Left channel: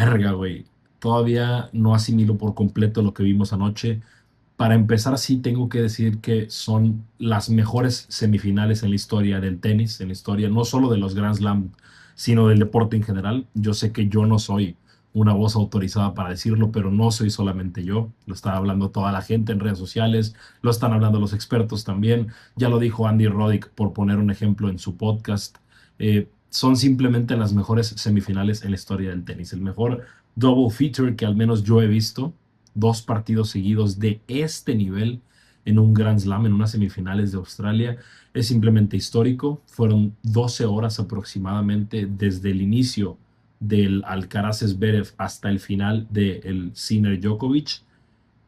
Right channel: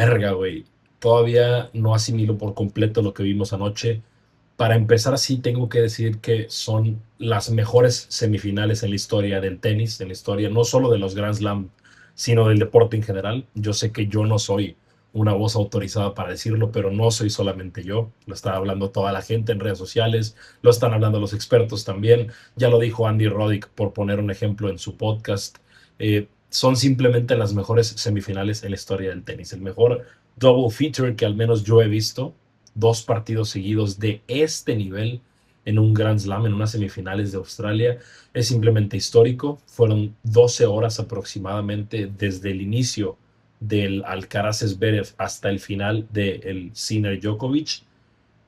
Verga, güey. Todavía no asimilo por completo lo que vimos anoche. Para empezar, sí tengo que decir que son las mejores semifinales en la historia del tenis, en la historia no solo de los Grand Slam, sino del deporte en general. Yo sé que yo no soy una voz autorizada para decirlo, pero no soy solamente yo. Lo está hablando toda la gente en redes sociales, lo están hablando los expertos también. Ya lo dijo Andy Roddick, por poner un ejemplo en su podcast. Son simplemente las mejores semifinales en la historia del tenis. El mejor double feature que al menos yo he visto, dos partidos seguidos de este nivel en un Grand Slam, en unas semifinales de Australia, es simplemente histórico. Fueron 12 horas aproximadamente desde el inicio del Alcaraz Zverev hasta el final del Sinner Djokovic,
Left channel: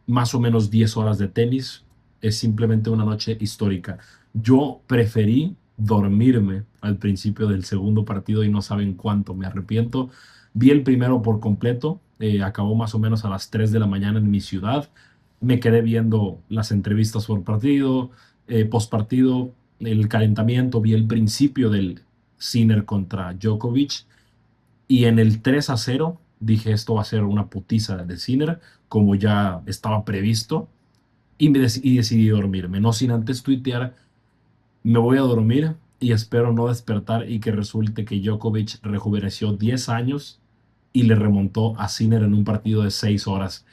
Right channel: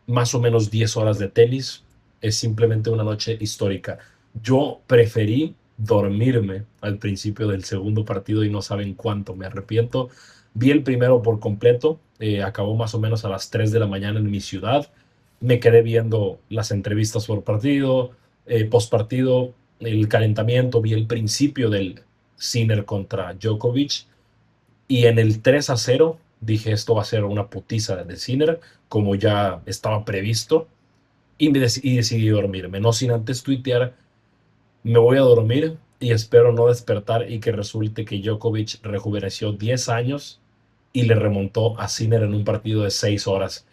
más o menos 10 horas de tenis. Es simplemente una noche histórica. Yo preferí dormirme al principio del segundo partido y no saben cuánto me arrepiento. Vi el primero por completo, acabó más o menos a las 3 de la mañana en mi ciudad. Me quedé viendo las entrevistas por partido, post partido, el calentamiento, vi el principio del Sinner contra Djokovic y en el 3-0 dije esto va a ser una putiza de Sinner, como ya estaba previsto, y decidí dormirme, no sin antes tuitear, me voy a dormir y espero no despertar y que resulte que Djokovic rejuveneció 10 años y le remontó a Sinner en un partido de 6 horas.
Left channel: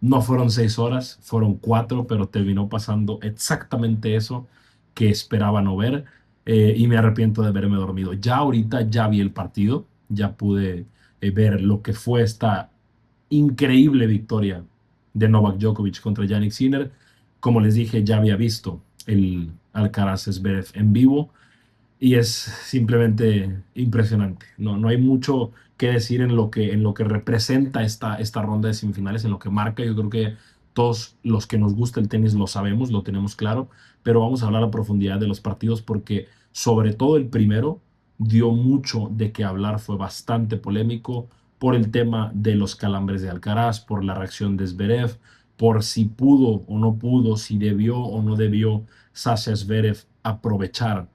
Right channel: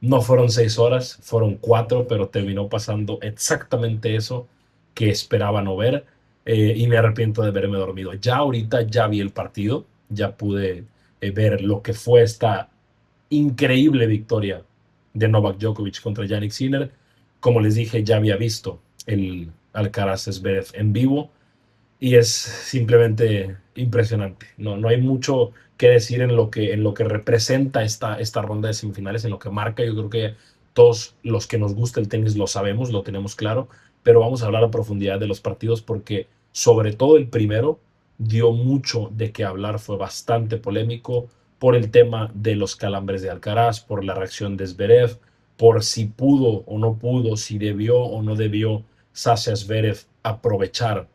No fueron 6 horas, fueron 4, pero terminó pasando exactamente eso que esperaba no ver, y me arrepiento de haberme dormido. Ya ahorita ya vi el partido, ya pude ver lo que fue esta increíble victoria de Novak Djokovic contra Yannick Sinner. Como les dije, ya había visto el Alcaraz Zverev en vivo y es simplemente impresionante. No, no hay mucho que decir en lo que representa esta ronda de semifinales, en lo que marca. Yo creo que todos los que nos gusta el tenis lo sabemos, lo tenemos claro, pero vamos a hablar a profundidad de los partidos porque sobre todo el primero dio mucho de qué hablar, fue bastante polémico por el tema de los calambres de Alcaraz, por la reacción de Zverev, por si pudo o no pudo, si debió o no debió Sasha Zverev aprovechar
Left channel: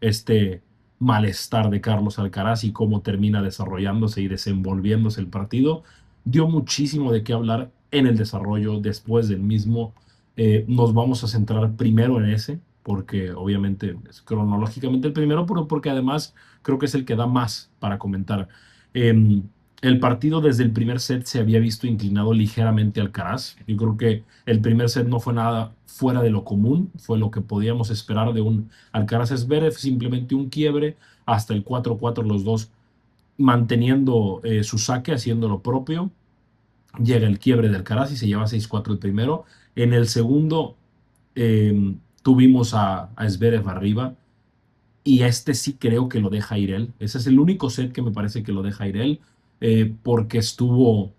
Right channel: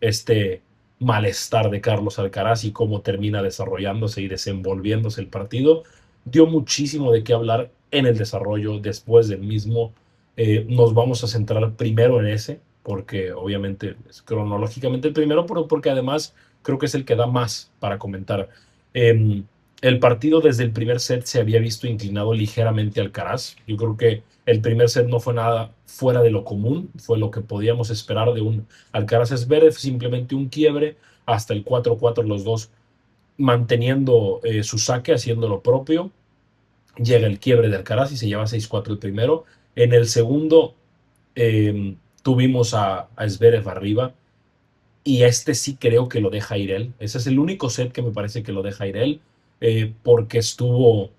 este malestar de Carlos Alcaraz y cómo termina desarrollándose y desenvolviéndose el partido. Dio muchísimo de qué hablar en el desarrollo después del mismo. Nos vamos a centrar primero en ese, porque obviamente es cronológicamente el primero, pero porque además creo que es el que da más para comentar. Eh, el partido desde el primer set se había visto inclinado ligeramente al Alcaraz. Yo creo que el primer set no fue nada fuera de lo común, fue lo que podíamos esperar de un Alcaraz Zverev, simplemente un quiebre hasta el 4-4, los dos manteniendo su saque, haciendo lo propio. Llega el quiebre de Alcaraz y se lleva 6-4 el primero. En el segundo tuvimos a Zverev arriba y este sí creo que lo deja ir él. Ese es el único set que me parece que lo deja ir él, porque estuvo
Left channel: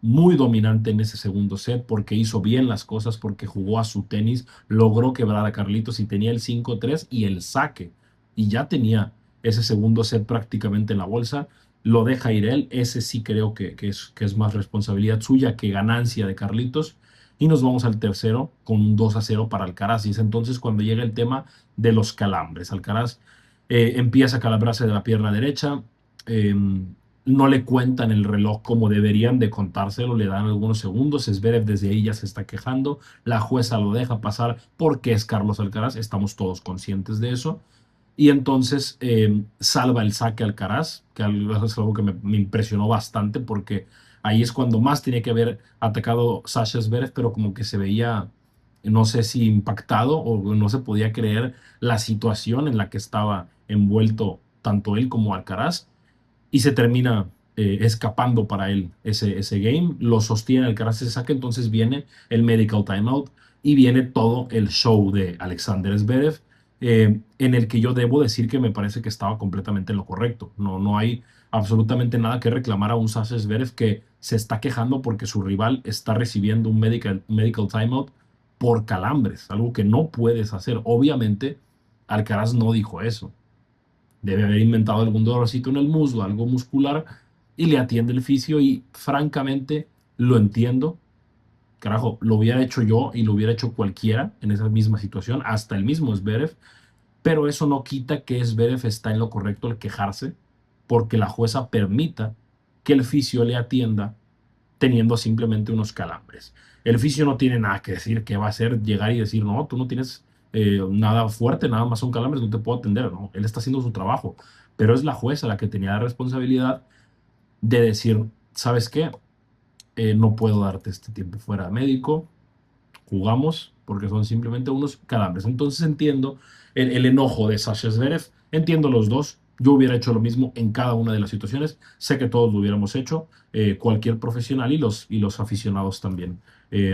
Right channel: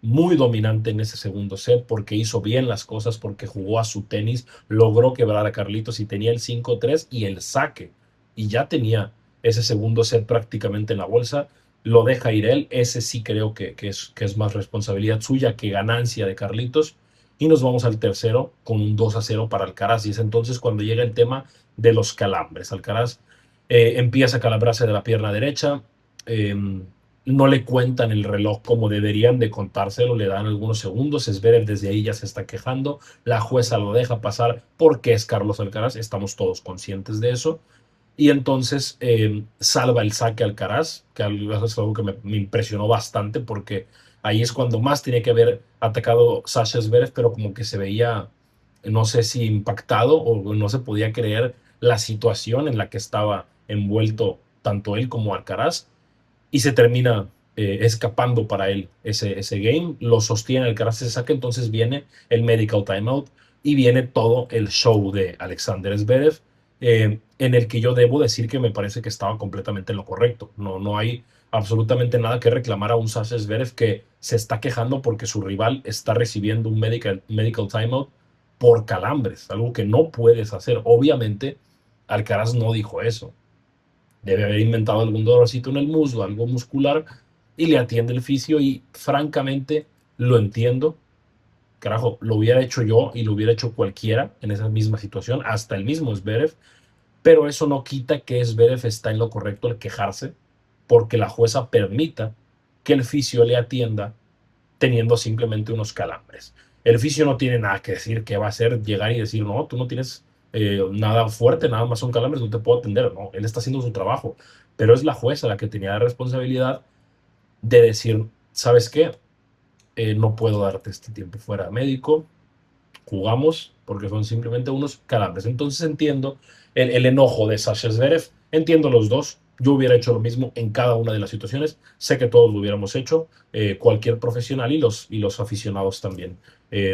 muy dominante en ese segundo set, porque hizo bien las cosas, porque jugó a su tenis, logró quebrar a Carlitos y tenía el 5-3 y el saque. Y ya tenía ese segundo set prácticamente en la bolsa. Lo deja ir él. Ese sí creo que es más responsabilidad suya que ganancia de Carlitos. Y nos vamos al tercero con un 2-0 para Alcaraz. Y es entonces cuando llega el tema de los calambres. Alcaraz empieza a calabrarse de la pierna derecha. Eh, no le cuentan el reloj como deberían de contárselo, le dan algunos segundos. Zverev desde ahí ya se está quejando, la jueza lo deja pasar porque es Carlos Alcaraz, estamos todos conscientes de eso. Y entonces salva el saque Alcaraz, que es algo que me impresionó bastante porque ahí es cuando más tenía que haber atacado Sasha Zverev, pero como que se veía, no sé si impactado o no se podía creer la situación en la que estaba envuelto tanto él como Alcaraz y se termina escapando para él ese game. Lo sostiene Alcaraz, se saca, entonces viene el medical timeout y viene todo el show de Alexander Zverev, en el que yo debo decir que me parece que estaba completamente en lo correcto. No, no hay absolutamente nada que reclamar a un Sasha Zverev que se está quejando porque su rival está recibiendo un medical timeout por calambres, algo que no puedes hacer. Obviamente, Alcaraz no dijo eso, debe haber inventado algún dolorcito en el muslo, algo muscular, y le atiende el fisio y francamente lo entiendo. Carajo, lo hubiera hecho yo y lo hubiera hecho cualquiera en esa misma situación, hasta el mismo Zverev, pero eso no quita que Zverev está en lo correcto al quejarse porque la jueza permita que el fisio le atienda teniendo simplemente unos calambres. El fisio no tiene nada que decir, que va a hacer llegar y decir, no, tú no tienes nada fuerte, nada más son calambres, no te puedo atender. No, él está haciendo su trabajo, pero es la jueza la que tenía la responsabilidad de decir, ¿sabes qué? No puedo darte este tiempo fuera médico, jugamos porque son simplemente unos calambres. Entonces entiendo el enojo de Sasha Zverev, entiendo los dos. Yo hubiera hecho lo mismo en cada una de las situaciones. Sé que todos lo hubiéramos hecho, cualquier profesional y los aficionados también.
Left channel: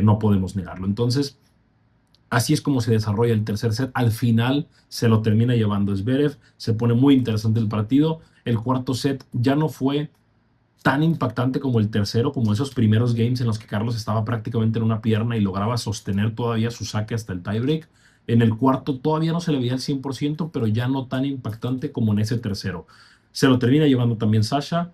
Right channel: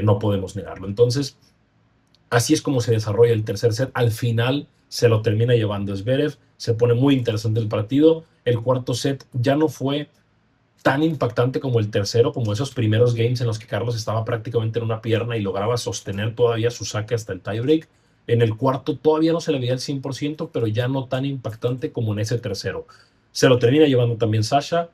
No podemos negarlo. Entonces, así es como se desarrolla el tercer set. Al final se lo termina llevando Zverev. Se pone muy interesante el partido. El cuarto set ya no fue tan impactante como el tercero, como esos primeros games en los que Carlos estaba prácticamente en una pierna y lograba sostener todavía su saque hasta el tiebreak. En el cuarto todavía no se le veía el 100%, pero ya no tan impactante como en ese tercero. Se lo termina llevando también Sasha,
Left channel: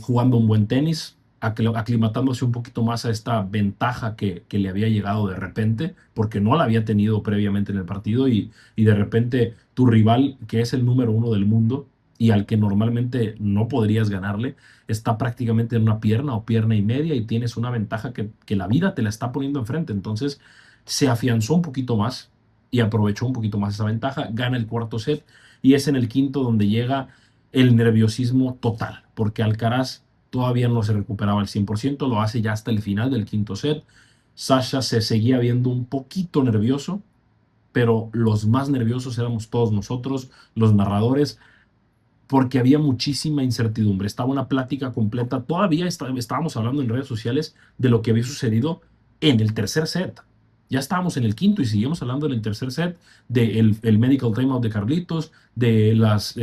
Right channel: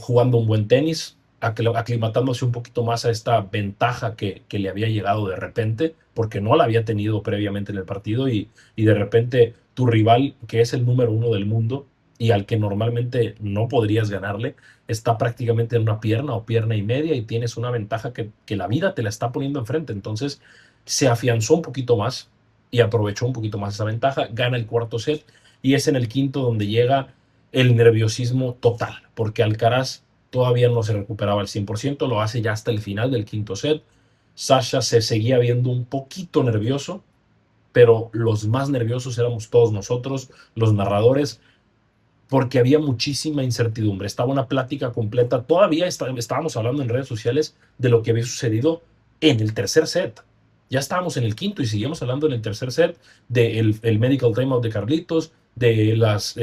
jugando un buen tenis, aclimatándose un poquito más a esta ventaja que le había llegado de repente, porque no la había tenido previamente en el partido y de repente tu rival, que es el número uno del mundo y al que normalmente no podrías ganarle, está prácticamente en una pierna o pierna y media y tienes una ventaja que la vida te la está poniendo enfrente. Entonces se afianzó un poquito más y aprovechó un poquito más esa ventaja, gana el cuarto set y es en el quinto donde llega el nerviosismo total, porque Alcaraz todavía no se recuperaba al 100%, lo hace ya hasta el final del quinto set. Sasha se seguía viendo un poquito nervioso, pero los más nerviosos éramos todos nosotros, los narradores, porque había muchísima incertidumbre. Estaba una plática completa. Todavía estábamos hablando en redes sociales de lo que había sucedido en el tercer set. Ya estábamos en el quinto y seguimos hablando en el tercer set del el medical timeout de Carlitos, de las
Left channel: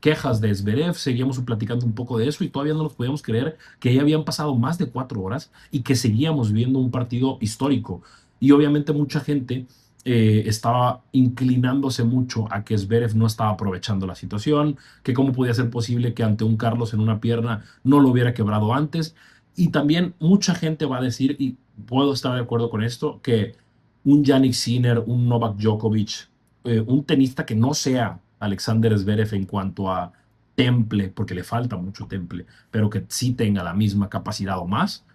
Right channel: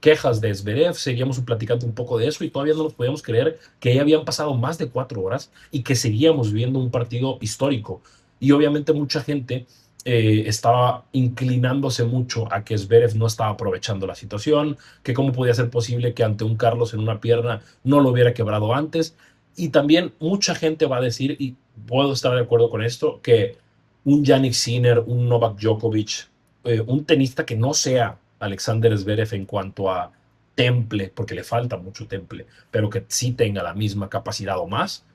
quejas de Zverev. Seguíamos platicando un poco de eso y todavía no nos podíamos creer que ya habían pasado más de 4 horas y que seguíamos viendo un partido histórico. Y obviamente mucha gente estaba inclinándose mucho a que Zverev no estaba aprovechando la situación, que cómo podía ser posible que ante un Carlos en una pierna no lo hubiera quebrado antes. Y también mucha gente va a decir, y puedo estar de acuerdo con esto, que un Jannik Sinner, un Novak Djokovic, un tenista que no sea Alexander Zverev en cuanto a temple, porque le falta mucho temple, pero que sí tenga la misma capacidad o más,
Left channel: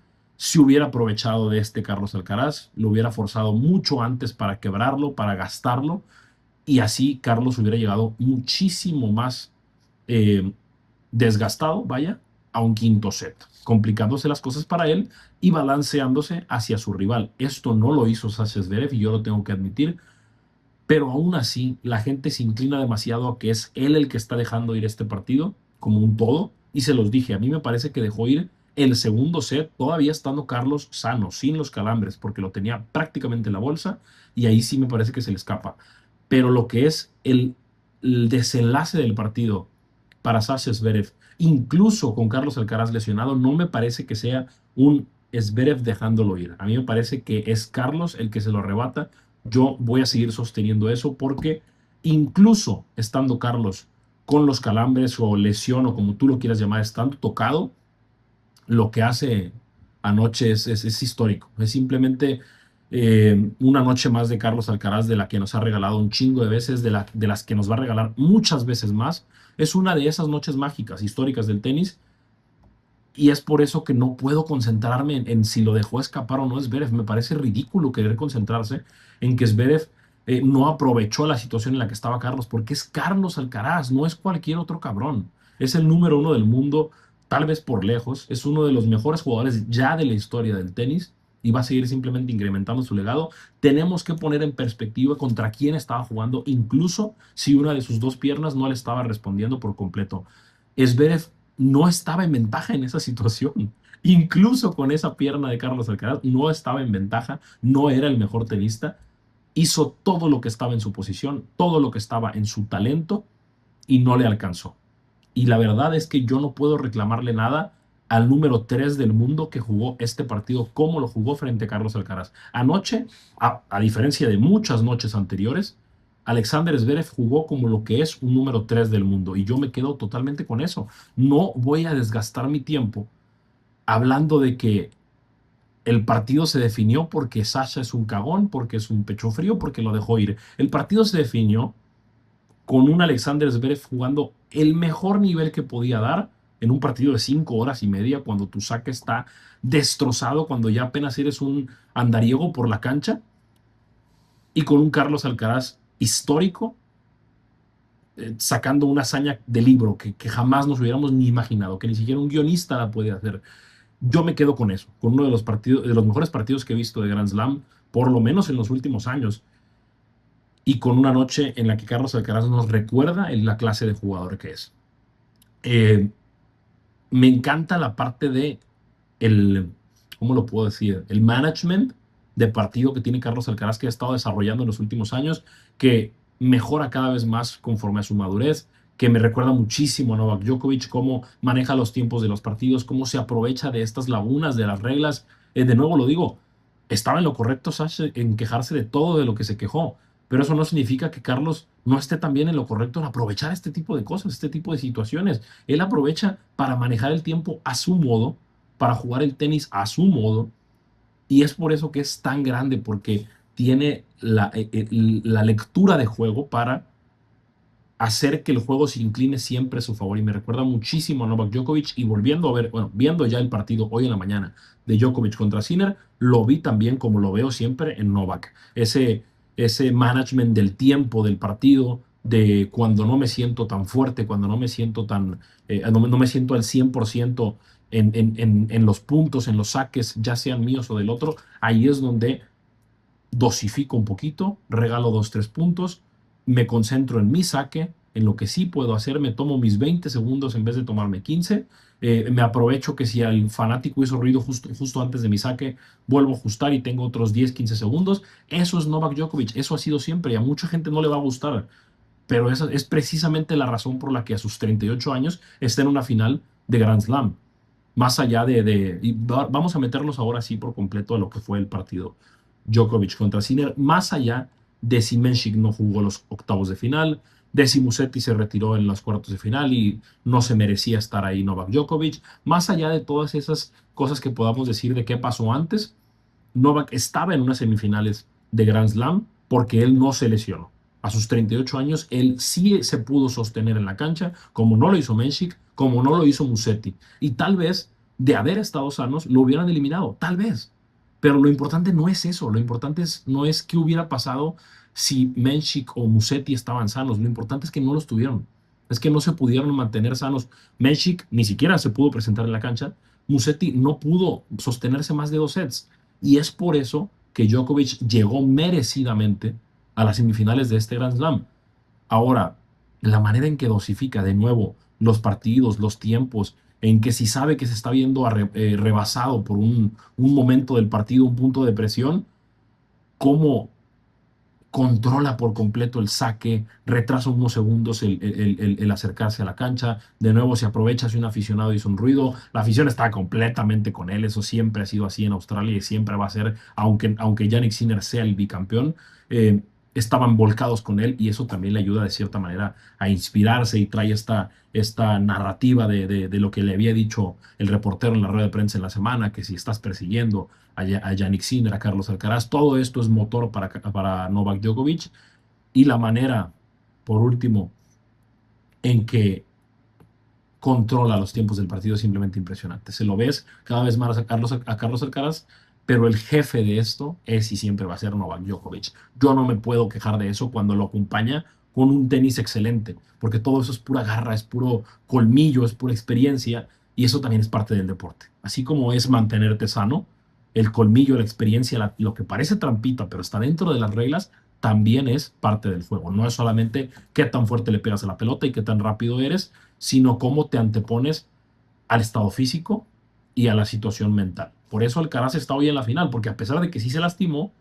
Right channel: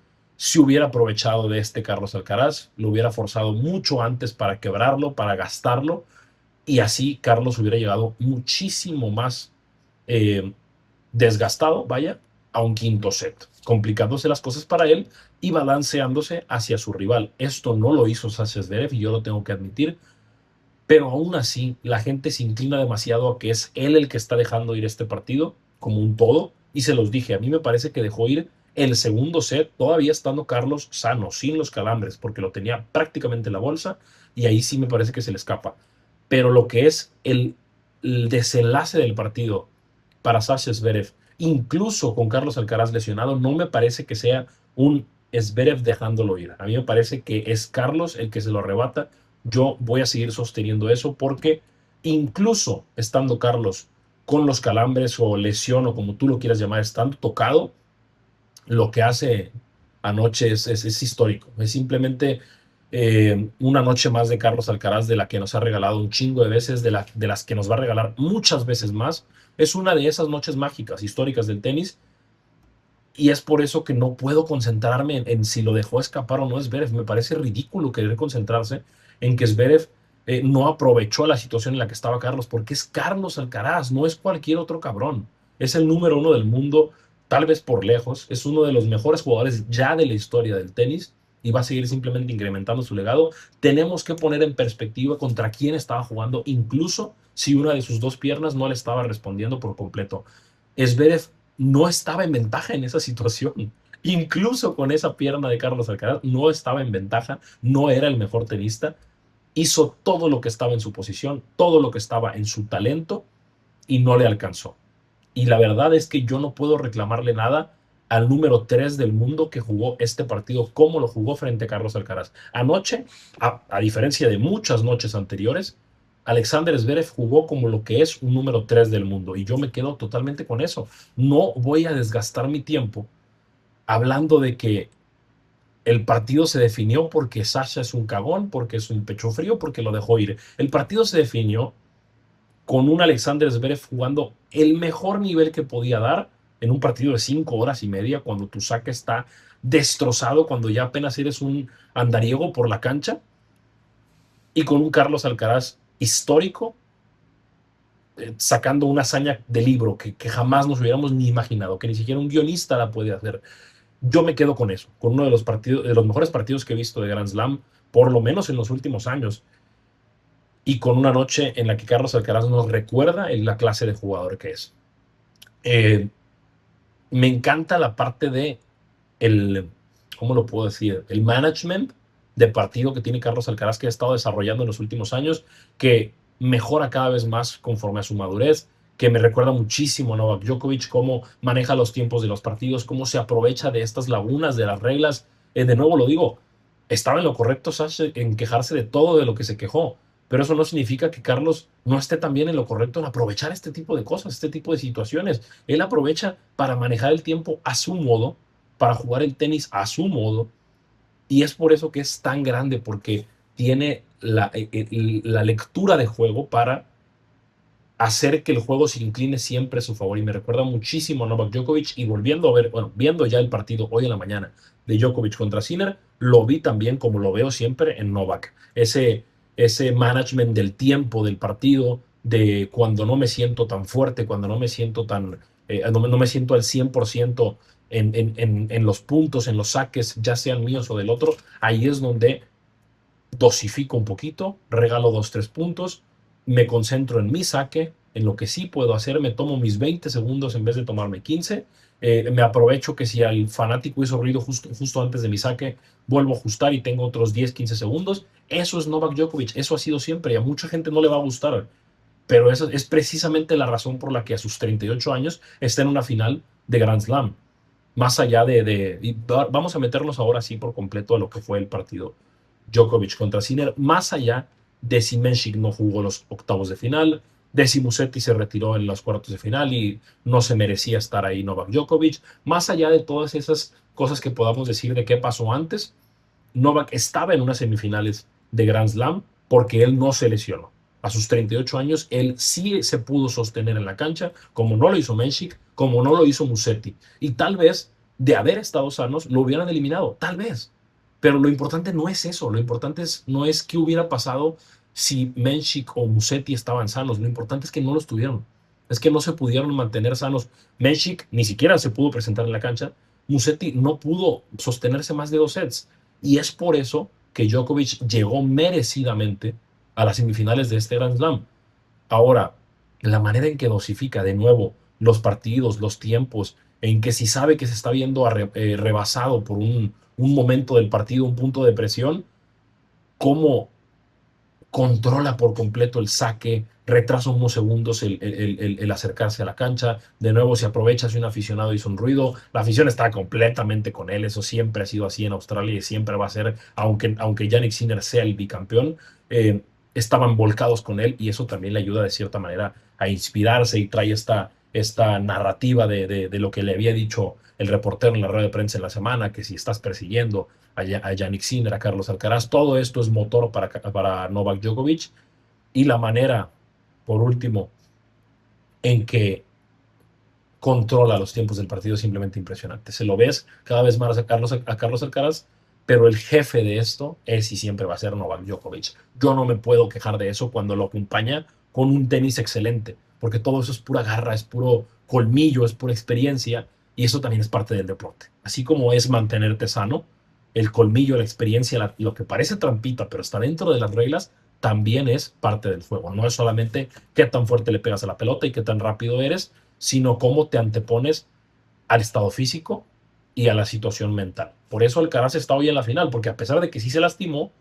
si hubiera aprovechado de este Carlos Alcaraz, lo hubiera forzado mucho antes para quebrarlo, para gastarlo, y así Carlos hubiera llegado muchísimo más eh, desgastado, vaya, a un quinto set, complicándose las cosas para él y balanceándose hacia su rival. Esto no lo hizo Sasha Zverev y yo lo tengo que admitir, pero aún así la gente se inclina demasiado a que es él el que está dejando ir este partido como un todo, y se los dije, a mí me parece que dejó ir el segundo set todavía estando Carlos sano, sin los calambres, porque lo tenía prácticamente en la bolsa y ahí sí me parece que se le escapa. Pero lo que es el desenlace del partido para Sasha Zverev, incluso con Carlos Alcaraz lesionado, no me parece que sea un Zverev dejándolo ir. A mí me parece que es Carlos el que se lo arrebata. Yo voy a seguir sosteniendo eso porque incluso estando Carlos con los calambres o lesión o como tú lo quieras llamar, estando tocado, lo que hace anoche es histórico. Es simplemente una noche más de Carlos Alcaraz, de la que nos ha regalado un chingo de veces, de las que nos va a regalar muchas veces más. Es una de esas noches mágicas, históricas del tenis. Y es por eso que no puedo concentrarme en si lo dejó escapar o no Zverev. Me parece ridículo querer concentrarse en que Zverev no aprovechó la situación en la que estaba Carlos, porque es Carlos Alcaraz, no es cualquier otro cabrón. Es el número uno del mundo, tal vez por lejos. Es uno de los mejores jugadores ya de la historia del tenis y va a seguir simplemente incrementando su legado. Tenemos que poner en perspectiva contra quién estaba jugando, incluso si una de sus dos piernas no le estaba respondiendo por completo. Zverev no estaba en ventaja en esa situación. Incluso con esa pierna de Carlos Alcaraz, no estaba en ventaja, no era el mejor tenista. Hizo todo lo que estaba en su posición, todo lo que estaba en su talento y no le alcanzó. Y la verdad es que yo no puedo reclamarle nada al número 3 del mundo que jugó este partido como lo jugó frente a Carlos Alcaraz. Anoche, a diferencia de muchas noches anteriores, Alexander Zverev jugó como lo que es un número 3 del mundo y yo me quedo totalmente con eso. No voy a desgastar mi tiempo hablando de que el partido se definió porque Sasha es un cagón, porque es un pecho frío, porque lo dejó ir. El partido se definió con un Alexander Zverev jugando el mejor nivel que podía dar en un partido de 5 horas y media, cuando tu saque está destrozado, cuando ya apenas eres un andariego por la cancha, y con un Carlos Alcaraz histórico, sacando una hazaña de libro que jamás nos hubiéramos ni imaginado, que ni siquiera un guionista la puede hacer. Yo me quedo con eso, con uno de los partidos, de los mejores partidos que he visto de Grand Slam, por lo menos en los últimos años, y con una noche en la que Carlos Alcaraz nos recuerda en la clase de jugador que es. Eh, Me encanta la parte de el, ¿cómo lo puedo decir? El management de partido que tiene Carlos Alcaraz, que ha estado desarrollando en los últimos años, que mejora cada vez más conforme a su madurez, que me recuerda muchísimo a Novak Djokovic, cómo maneja los tiempos de los partidos, cómo se aprovecha de estas lagunas de las reglas. De nuevo lo digo, estaba en lo correcto Sasha en quejarse de todo de lo que se quejó, pero eso no significa que Carlos no esté también en lo correcto en aprovechar este tipo de cosas, este tipo de situaciones. Él aprovecha para manejar el tiempo a su modo, para jugar el tenis a su modo, y es por eso que es tan grande, porque tiene la lectura de juego para hacer que el juego se incline siempre a su favor. Y me recuerda muchísimo a Novak Djokovic. Y volviendo a ver, bueno, viendo ya el partido hoy en la mañana de Djokovic contra Sinner, lo vi también como lo veo siempre en Novak. Ese management del tiempo del partido, de cuando no me siento tan fuerte, cuando no me siento tan, no me siento al 100% en los puntos, en los saques, ya sean míos o del otro. Ahí es donde dosifico un poquito, regalo 2, 3 puntos, me concentro en mi saque, en lo que sí puedo hacer, me tomo mis 20 segundos en vez de tomarme 15, me aprovecho que si el fanático hizo ruido justo antes de mi saque, vuelvo a ajustar y tengo otros 10, 15 segundos. Eso es Novak Djokovic, eso ha sido siempre y a mucha gente no le va a gustar, pero esa es precisamente la razón por la que a sus 38 años está en una final de Grand Slam. Más allá vamos a meternos ahora sí por completo a lo que fue el partido Djokovic contra Sinner, más allá de si Menchik no jugó los octavos de final, de si Musetti se retiró en los cuartos de final y no se merecía estar ahí Novak Djokovic, más allá de todas esas cosas que podamos decir de qué pasó antes, Novak estaba en unas semifinales de Grand Slam porque él no se lesionó. A sus 38 años, él sí se pudo sostener en la cancha, como no lo hizo Menchik, como no lo hizo Musetti. Y tal vez, de haber estado sanos, lo hubieran eliminado, tal vez. Pero lo importante no es eso, lo importante no es qué hubiera pasado si Menchik o Musetti estaban sanos, lo importante es que no los tuvieron, es que no se pudieron mantener sanos. Menchik ni siquiera se pudo presentar en la cancha, Musetti no pudo sostenerse más de 2 sets, y es por eso que Djokovic llegó merecidamente a las semifinales de este Grand Slam. Ahora, la manera en que dosifica de nuevo los partidos, los tiempos, en que si sabe que se está viendo rebasado por un momento del partido, un punto de presión, cómo controla por completo el saque, retrasa unos segundos el acercarse a la cancha, de nuevo se aprovecha si un aficionado hizo un ruido, la afición está completamente con él, eso siempre ha sido así en Australia y siempre va a ser, aunque Jannik Sinner sea el bicampeón, estaban volcados con él y eso también le ayuda de cierta manera a inspirarse y trae esta narrativa de lo que le había dicho el reportero en la rueda de prensa en la semana, que si estás persiguiendo a Jannik Sinner, a Carlos Alcaraz, todo esto es motor para Novak Djokovic. Y la manera, por último, en que controla los tiempos del partido es simplemente impresionante. Se lo ves cada vez más a Carlos Alcaraz, pero el jefe de esto es y siempre va a ser Novak Djokovic. Yo no me puedo quejar de eso cuando lo acompaña con un tenis excelente, porque todo eso es pura garra, es puro colmillo, es pura experiencia, y eso también es parte del deporte. Así como es mantenerte sano, el colmillo, la experiencia, lo que parece trampita, pero está dentro de las reglas, también es parte del juego. No es solamente qué tan fuerte le pegas a la pelota y qué tan rápido eres, sino cómo te antepones al estado físico y a la situación mental. Por eso Alcaraz está hoy en la final, porque a pesar de que sí se lastimó,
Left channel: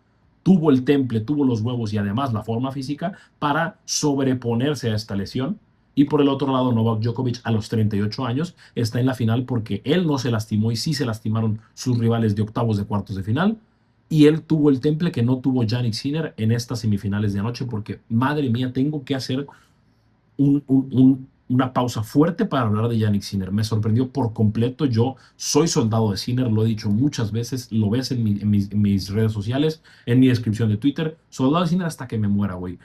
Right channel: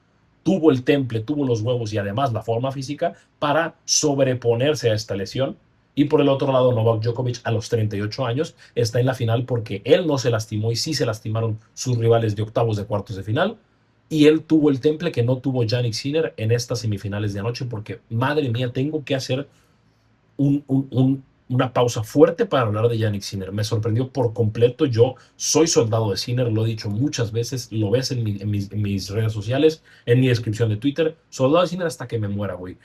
tuvo el temple, tuvo los huevos y además la forma física para sobreponerse a esta lesión. Y por el otro lado, Novak Djokovic a los 38 años está en la final porque él no se lastimó y sí se lastimaron sus rivales de octavos de cuartos de final. Y él tuvo el temple que no tuvo Jannik Sinner en estas semifinales de anoche porque, madre mía, tengo que hacer una pausa fuerte para hablar de Jannik Sinner. Me sorprendió por completo. Yo soy soldado de Sinner, lo he dicho muchas veces, lo ves en mis redes sociales, en mi descripción de Twitter. Soldado de Sinner hasta que me muera, güey.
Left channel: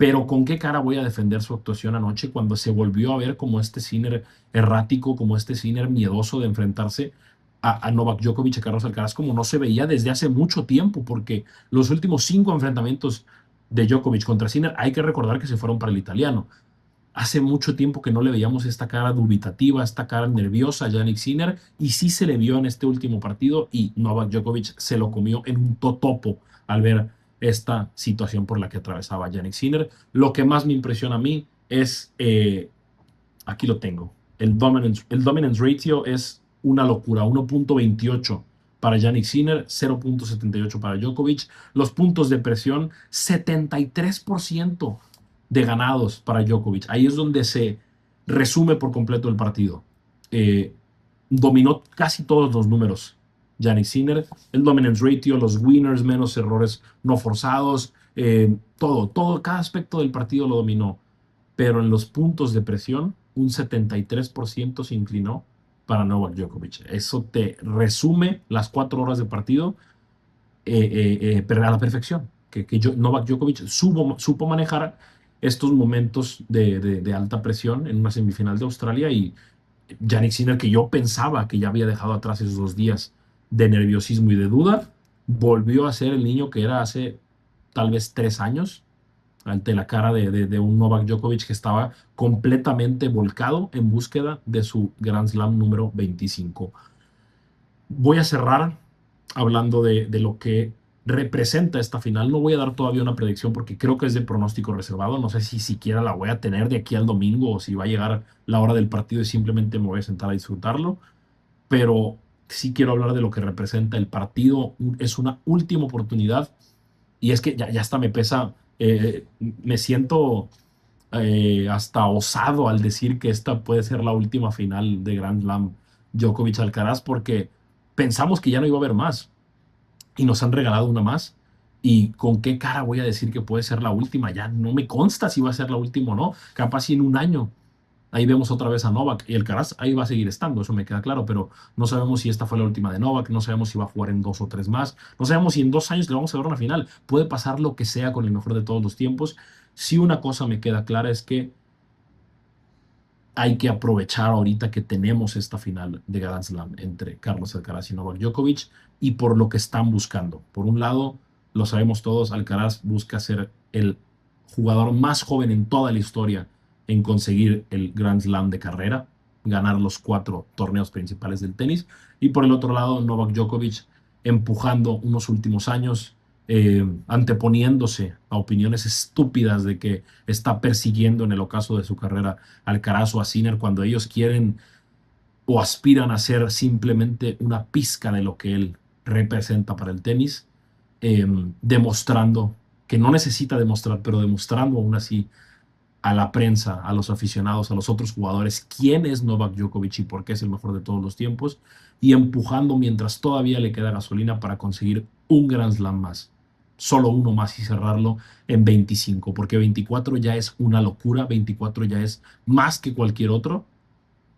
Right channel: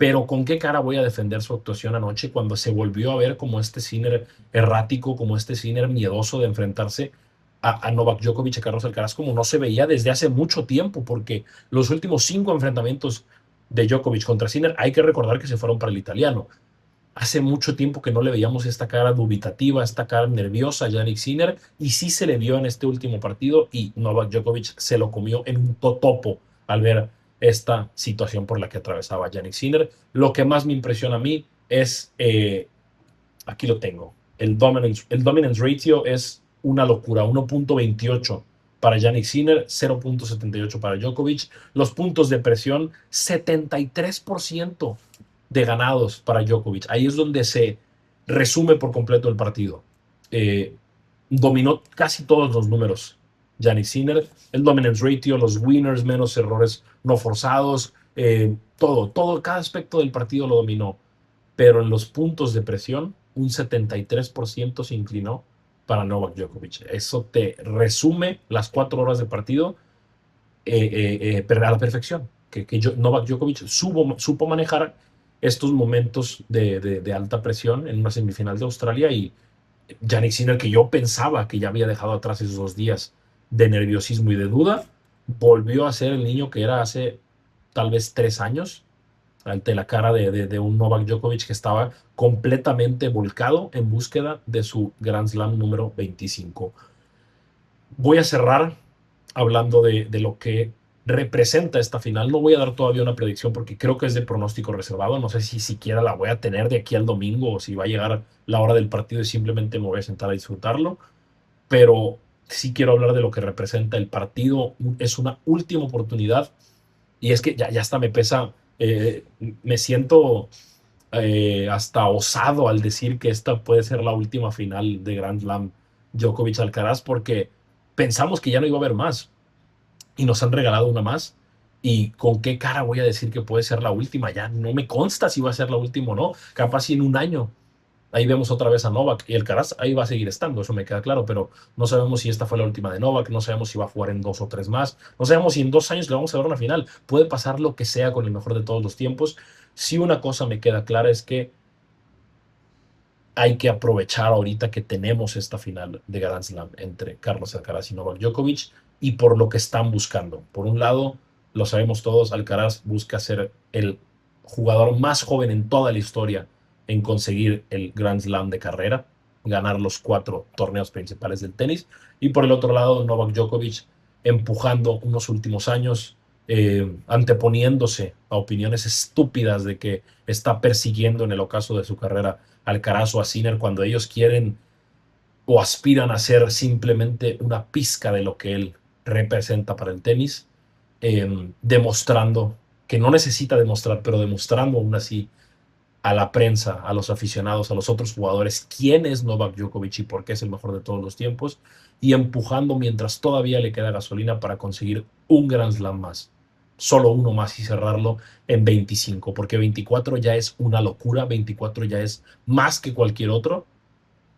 pero ¿con qué cara voy a defender su actuación anoche cuando se volvió a ver como este Sinner errático, como este Sinner miedoso de enfrentarse a Novak Djokovic, a Carlos Alcaraz, como no se veía desde hace mucho tiempo? Porque los últimos 5 enfrentamientos de Djokovic contra Sinner, hay que recordar que se fueron para el italiano. Hace mucho tiempo que no le veíamos esta cara dubitativa, esta cara nerviosa a Jannik Sinner, y sí se le vio en este último partido, y Novak Djokovic se lo comió en un totopo al ver esta situación por la que atravesaba Jannik Sinner. Lo que más me impresiona a mí es, aquí lo tengo, el dominance ratio es una locura, 1.28 para Jannik Sinner, 0.78 para Djokovic. Los puntos de presión, 73% de ganados para Djokovic. Ahí es donde se resume por completo el partido. Eh, Dominó casi todos los números Jannik Sinner, el dominance ratio, los winners, menos errores no forzados, cada aspecto del partido lo dominó, pero en los puntos de presión, un 73% se inclinó para Novak Djokovic. Eso te resume las 4 horas de partido a la perfección, que Novak Djokovic supo manejar estos momentos de alta presión en una semifinal de Australia, y Jannik Sinner, que yo pensaba que ya había dejado atrás esos 2 días de nerviosismo y de duda, volvió a ser el niño que era hace tal vez 3 años, ante la cara de un Novak Djokovic que estaba completamente volcado en búsqueda de su Grand Slam número 25. Voy a cerrar hablando de lo que representa esta final. No voy a dar todavía una predicción porque creo que es de pronóstico reservado. No sé si siquiera la voy a tener de aquí al domingo, o si va a llegar la hora del partido y simplemente me voy a sentar a disfrutarlo. Pero sí quiero hablar de lo que representa el partido. Es una última oportunidad, y es que ya hasta me pesa, me siento hasta osado al decir que esta puede ser la última final de Grand Slam Djokovic-Alcaraz, porque pensamos que ya no iba a haber más y nos han regalado una más. ¿Y con qué cara voy a decir que puede ser la última? Ya no me consta si va a ser la última o no. Capaz si en un año ahí vemos otra vez a Novak, y Alcaraz ahí va a seguir estando, eso me queda claro, pero no sabemos si esta fue la última de Novak, no sabemos si va a jugar en 2 o 3 más, no sabemos si en 2 años le vamos a ver una final. Puede pasar lo que sea con el mejor de todos los tiempos. Si una cosa me queda clara es que hay que aprovechar ahorita que tenemos esta final de Grand Slam entre Carlos Alcaraz y Novak Djokovic, y por lo que están buscando. Por un lado, lo sabemos todos, Alcaraz busca ser el jugador más joven en toda la historia en conseguir el Grand Slam de carrera, ganar los 4 torneos principales del tenis. Y por el otro lado, Novak Djokovic empujando unos últimos años, anteponiéndose a opiniones estúpidas de que está persiguiendo en el ocaso de su carrera a Alcaraz o a Sinner, cuando ellos quieren o aspiran a ser simplemente una pizca de lo que él representa para el tenis, demostrando que no necesita demostrar, pero demostrando aún así a la prensa, a los aficionados, a los otros jugadores, quién es Novak Djokovic y por qué es el mejor de todos los tiempos, y empujando mientras todavía le queda gasolina para conseguir un Grand Slam más, solo uno más, y cerrarlo en 25, porque 24 ya es una locura, 24 ya es más que cualquier otro,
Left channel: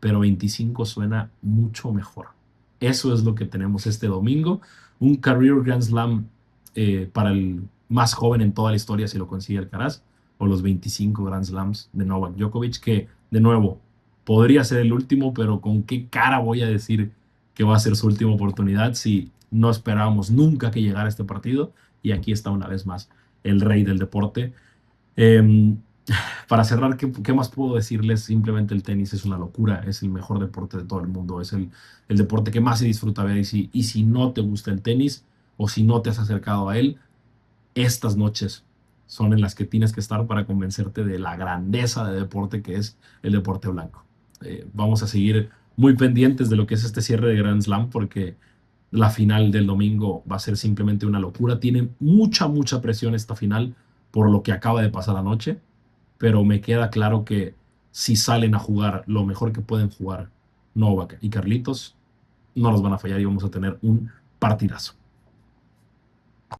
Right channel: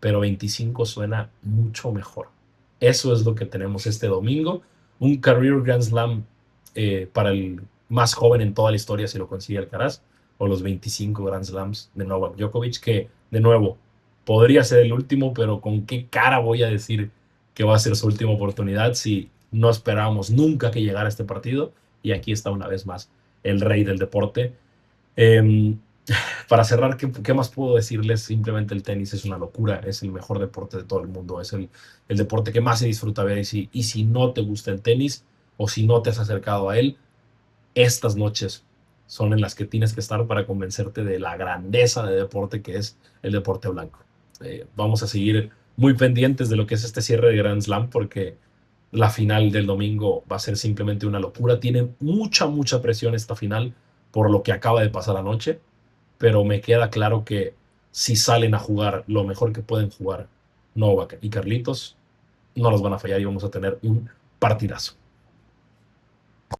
pero 25 suena mucho mejor. Eso es lo que tenemos este domingo, un Career Grand Slam para el más joven en toda la historia si lo consigue Alcaraz, o los 25 Grand Slams de Novak Djokovic, que de nuevo podría ser el último, pero ¿con qué cara voy a decir que va a ser su última oportunidad si no esperábamos nunca que llegara este partido? Y aquí está una vez más el rey del deporte. Eh, para cerrar, ¿qué más puedo decirles? Simplemente el tenis es una locura, es el mejor deporte de todo el mundo, es el deporte que más se disfruta ver, y si no te gusta el tenis o si no te has acercado a él, estas noches son en las que tienes que estar para convencerte de la grandeza de deporte que es el deporte blanco. Vamos a seguir muy pendientes de lo que es este cierre de Grand Slam, porque la final del domingo va a ser simplemente una locura. Tiene mucha presión esta final por lo que acaba de pasar anoche, pero me queda claro que si salen a jugar lo mejor que pueden jugar Novak y Carlitos, no los van a fallar y vamos a tener un partidazo.